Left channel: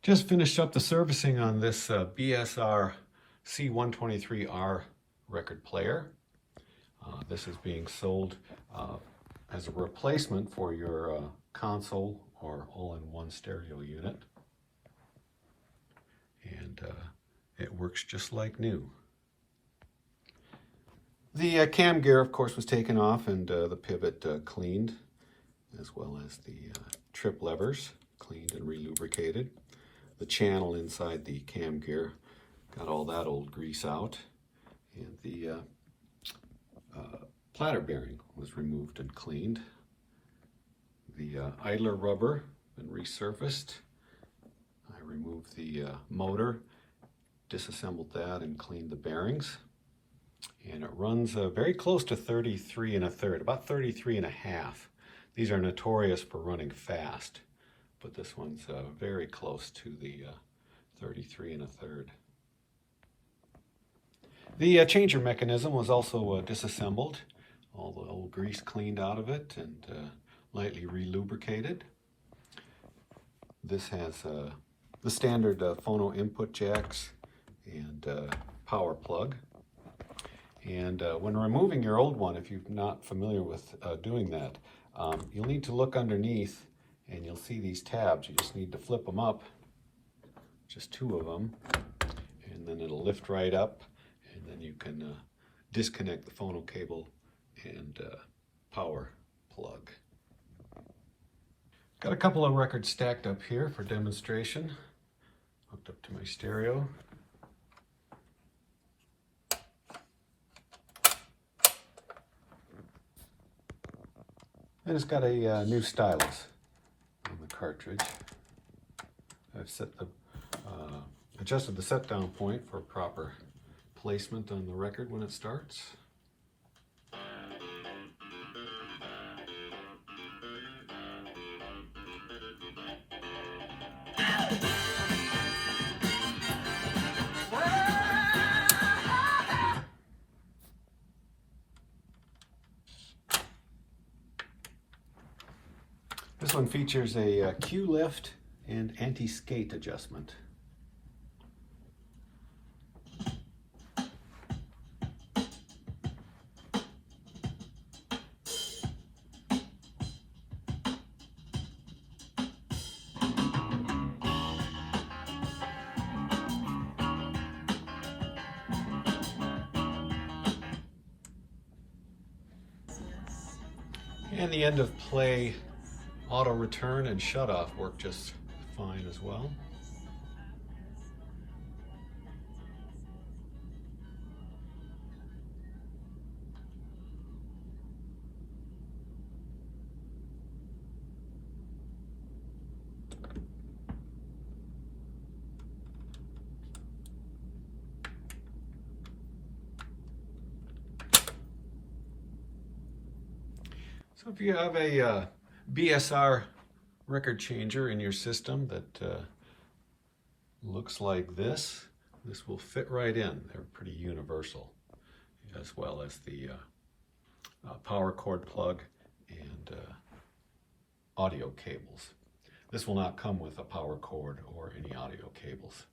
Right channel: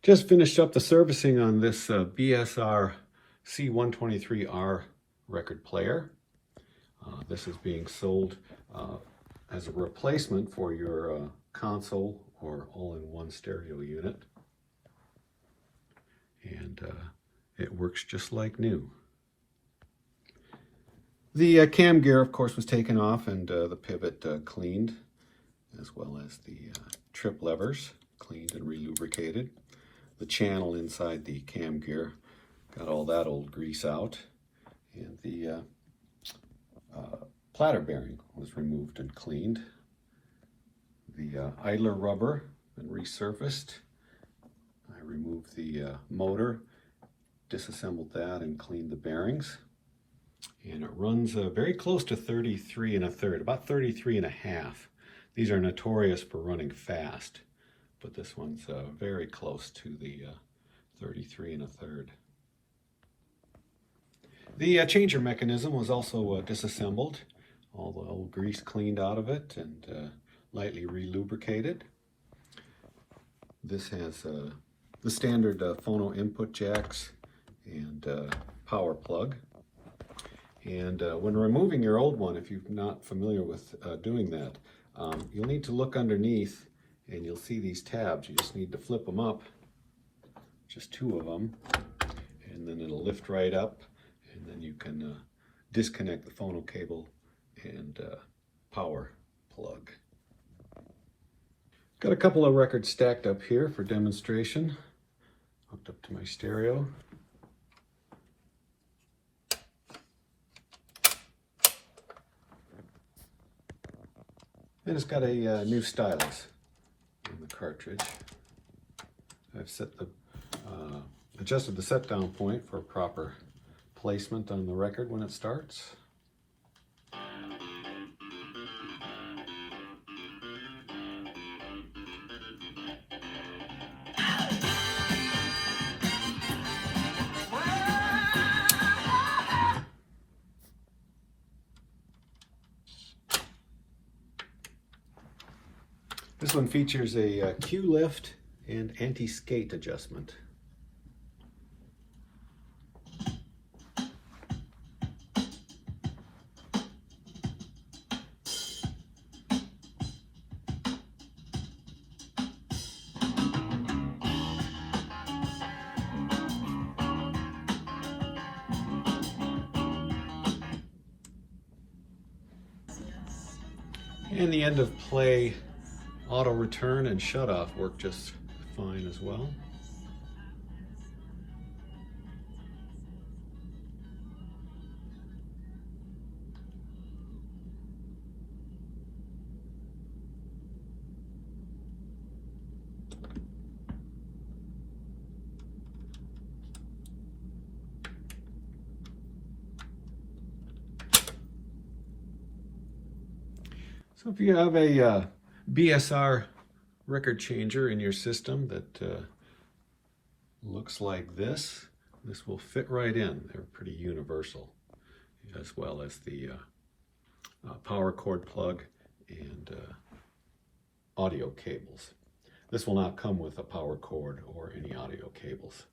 Just finished up the servicing on this BSR S123R record player. This is being sold as a replacement for your console or all-in-one stereo unit. And it works just like new. The cam gear, of course, was taken off and the pivot cleaned, as well as the trip levers cleaned and re-lubricated. The channel inside the cam gear, got all that old grease out, and the platter bearing was removed and cleaned. The idler rubber been resurfaced. I removed the motor, disassembled that, and cleaned the bearings. And it runs very close to 33 1/3, about 33 1/2. These are notorious for running fast, but this one's very close to the 33 1/3. The changer mechanism was also disassembled, all the old grease cleaned out of it and lightly re-lubricated. This has the standard phono input jacks and power plug. And when removing your old one, if you're not familiar with doing that, you'll need to look underneath and you'll see these tabs. You just need to flip them up, just 2 of them, and then it'll lift right up, and then you can disconnect the phono cable and power plug. Got a couple of records stacked up here for demonstration, hooked up to my stereo. And it's got a new stylus in the cartridge. I've set the adjusted the set down point for proper placement on the record when it starts. This one features a Q lift and anti-skate adjustment. And the end of play auto return and shut off work just fine as well. So if you have a BSR record changer in your system that looks like this will fit right in. They're pretty universal, as well as the power cord plug and audio cables. This will not come with a power cord or any audio cables.